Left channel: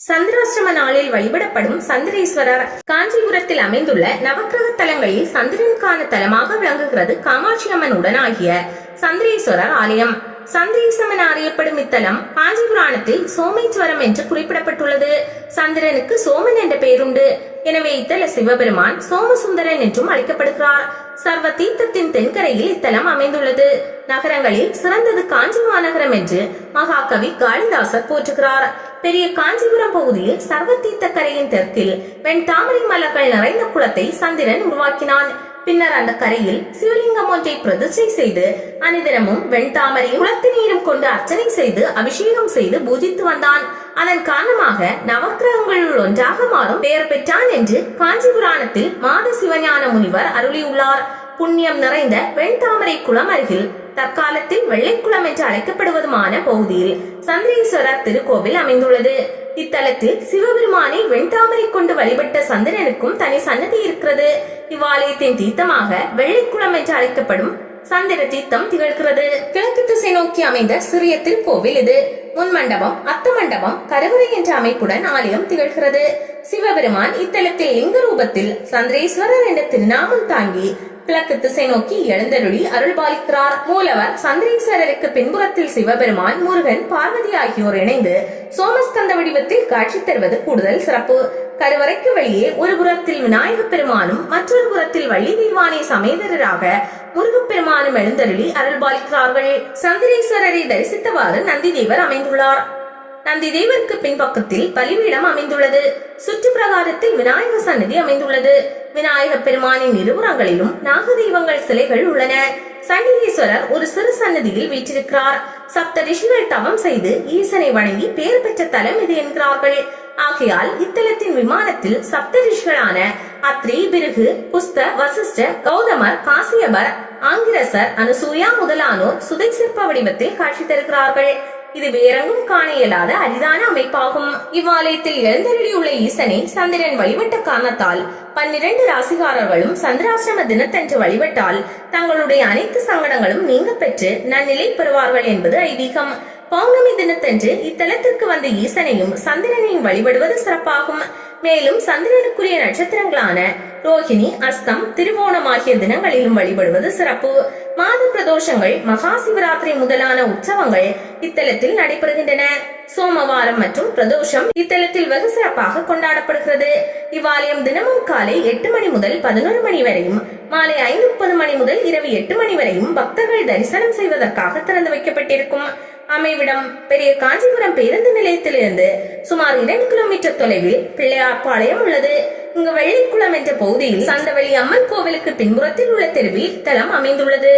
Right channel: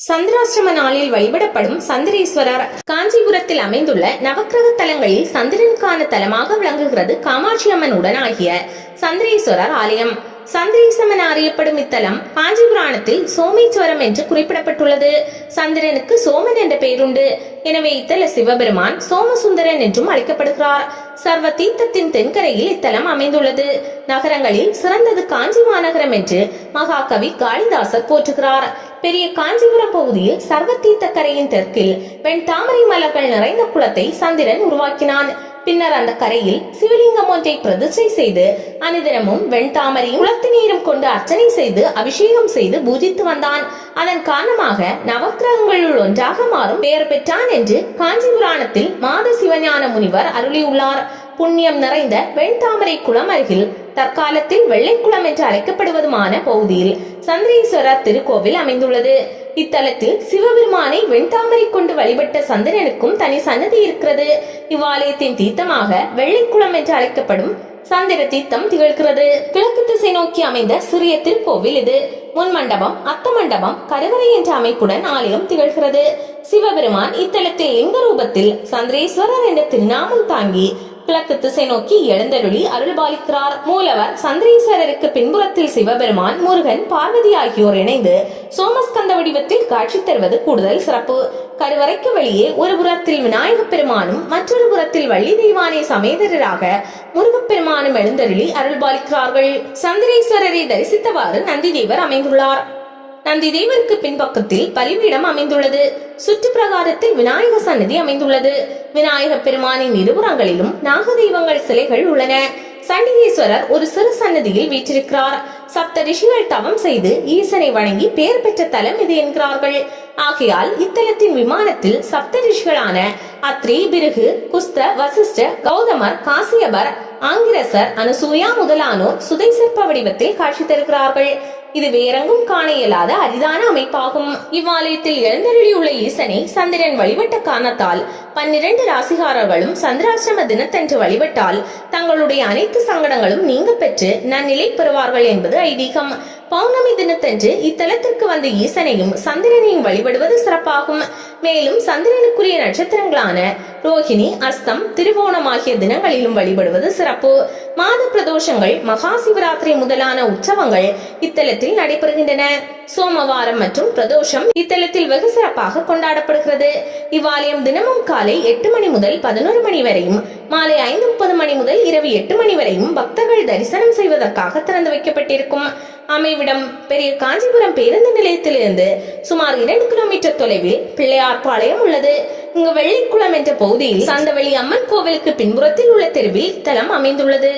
சந்திராசிரம நாளில் வழிபடப்படும் சந்திரேஸ்வரர். காஞ்சிபுரத்தில் அமைந்துள்ள நவக்கிரக தலங்களில் சந்திரனுக்கான தலமாக விளங்குகிறது காமாட்சி அம்மன் உடனாகிய சந்திரேஸ்வரர் ஆலயம். சந்திரேசமன் அறியப்படும் இத்தலம் காஞ்சிபுராணத்தில் சோமேஸ்வரம் என்று குறிப்பிடப்பட்டுள்ளது. சந்திரனுக்கு சோமன் என்ற பெயருண்டு. எனவே இத்தல சிவபெருமான் சோமசுந்தரன் என்றும் அழைக்கப்படுகிறார். சர்வ தீர்த்தத்தின் தென்கரையில் இத்தலம் அமைந்துள்ளது. நகரங்களில் சிறந்தது காஞ்சி மாநகரம் என்று மகாகவி காளிதாசர் போற்றுகிறார். பெரிய காஞ்சிபுரம் பகுதியில் சர்வ தீர்த்த கரையின் தெற்கில் வெண் தாமரை மலர்கள் நிறைந்த குளத்தை சந்திரன் உருவாக்கினான். பின்னர் அந்த கரையில் சிவலிங்கம் ஒன்றை பிரதிஷ்டை செய்து அனுதினமும் வெண்தாமரையும் குளத்து நீரும் கொண்டு அர்ச்சனை செய்து அபிஷேகம் செய்து பூஜித்து வந்தான். அதன் காரணமாக நவக்கிரகங்களுள் ஒன்றாக மாறும் பெயர் பெற்றான் என்று காஞ்சிபுராணத்தில் மாத சிவஞான முனிவர் அருளியுள்ளார். புண்ணியம் நிறைந்த வெண்தாமரை குளம் அருகில் தற்காலத்தில் வெள்ளைக்குளம் என்று அழைக்கப்படுவதுமான பகுதியில் சந்திரேஸ்வரர் திருக்கோவில் அமைந்துள்ளது. இத்தலத்தில் சிவபெருமானை வெண்தாமரை கொண்டு வழிபட்ட சந்திரனுக்கும் தனி சன்னதி இருக்கிறது. இவ்வாலயத்தின் தீர்த்தமாக வெள்ளைக்குளம் என்று அழைக்கப்படும் சந்திர தீர்த்தம் திகழ்கிறது. கிழக்கு திசை நோக்கி அமைந்த சிறிய திருக்கோவில் இது. முன் மண்டபம், அத்த மண்டபம், கருவறை என்ற அமைப்புடன் ஆலயம் திகழ்கிறது. சிவபெருமான் இத்தலத்தில் லிங்க ரூபத்தில் சந்திரேஸ்வரர் என்ற திருநாமம் தாங்கி கிழக்கு திசை நோக்கி எழுந்தருளி அருள்பாலிக்கிறார். மூலவர் சந்திரேஸ்வரருக்கு பின்புறத்தில் சிவபெருமான், முருகன், பார்வதி ஆகியோர் இணைந்து சோமஸ்கந்த வடிவத்தில் காட்சி தருவது கூடுதல் சிறப்பு. கருவறைக்கு வெளியே ஒரு புறத்தில் விநாயக பெருமானும் மற்றொரு புறத்தில் வள்ளி தெய்வானை சமேதரராக முருகப்பெருமானும் எழுந்தருளி அருள்பாலிக்கிறார்கள். சந்திரேஸ்வரரை தரிசித்தவாறு நந்தி தேவர் அமைந்துள்ளார். நந்தி தேவருக்கு பின்பக்கத்தில் பலிபீடம் அமைந்துள்ளது. சுற்று பிரகாரத்தில் விநாயக சன்னதி அமைந்துள்ளது. விநாயக பெருமானின் இருபுறங்களிலும் நாக தெய்வங்கள் சிலைகள் உள்ளன. சண்டிகேஸ்வரர் ஒரு சிறு சன்னதியில் வீற்றிருக்கிறார். சப்த ரிஷிகள் தவம் செய்து ஈசனை வணங்கி பெயர் பெற்ற தலம் இது என்கிறார்கள். ஆகையால் இத்தலத்தின் விமானத்தில் சப்த ரிஷிகளான அத்ரி, பிருகு, குஸ்த, வசிஷ்ட, கௌதமர், காசியபர், ஆங்கிரசர், அனுசூயா முதலானோர் சுதை சிற்ப வடிவத்தில் காட்சி தருகிறார்கள். இது வேறெங்கும் காண இயலாத அரிதான அமைப்பாகும். இவ்வாலயத்தில் எழுந்தருளியுள்ள ஈசனை சந்திரன் வழிபட்ட காரணத்தால் 12 ராசிகாரர்களும் சந்திராசிரம தினத்தன்று வழிபட்டால் தங்களுடைய அனைத்து சங்கடங்களும் நீங்க பெற்று நன்னிலை பெறுவார்கள் என்பது ஐதீகம். பௌர்ணமி தினத்தன்று இத்தலத்திற்கு வந்த ஈசனையும் சந்திரனையும் வழிபடுவது சிறப்பாகும். மேலும் சந்திரனுக்குரிய நட்சத்திரங்களான ரோஹிணி, அஸ்தம், திருவோணம் ஆகிய தினங்களிலும் வழிபடுவது சிறப்பு. மாத பிரதோஷங்கள், மகா சிவராத்திரி முதலான உற்சவங்கள் இத்தலத்தில் நடைபெறுகின்றன. சோமவாரம் மற்றும் பிரதோஷம் இத்தலத்தில் வெகு சிறப்பாக கொண்டாடப்படுகிறது. இவ்வாலயம் தினமும் காலை 8 மணி முதல் 11 மணி வரையும், மாலை 5:30 மணி முதல் இரவு 8 மணி வரையும் பக்தர்கள் தரிசனம் செய்வதற்காக திறந்து வைக்கப்பட்டிருக்கும். அமைவிடம் பெரிய காஞ்சிபுரம் பேருந்து நிலையத்திலிருந்து சுமார் 2 கிலோமீட்டர் தொலைவில் பிள்ளையார்பாளையம் உள்ளது. இங்கு வெள்ளைக்குளம் என்ற பகுதியில் சந்தவெளி அம்மன் கோவிலுக்கு பின்புறத்தில் உள்ள தெருவில் தலம் அமைந்துள்ளது.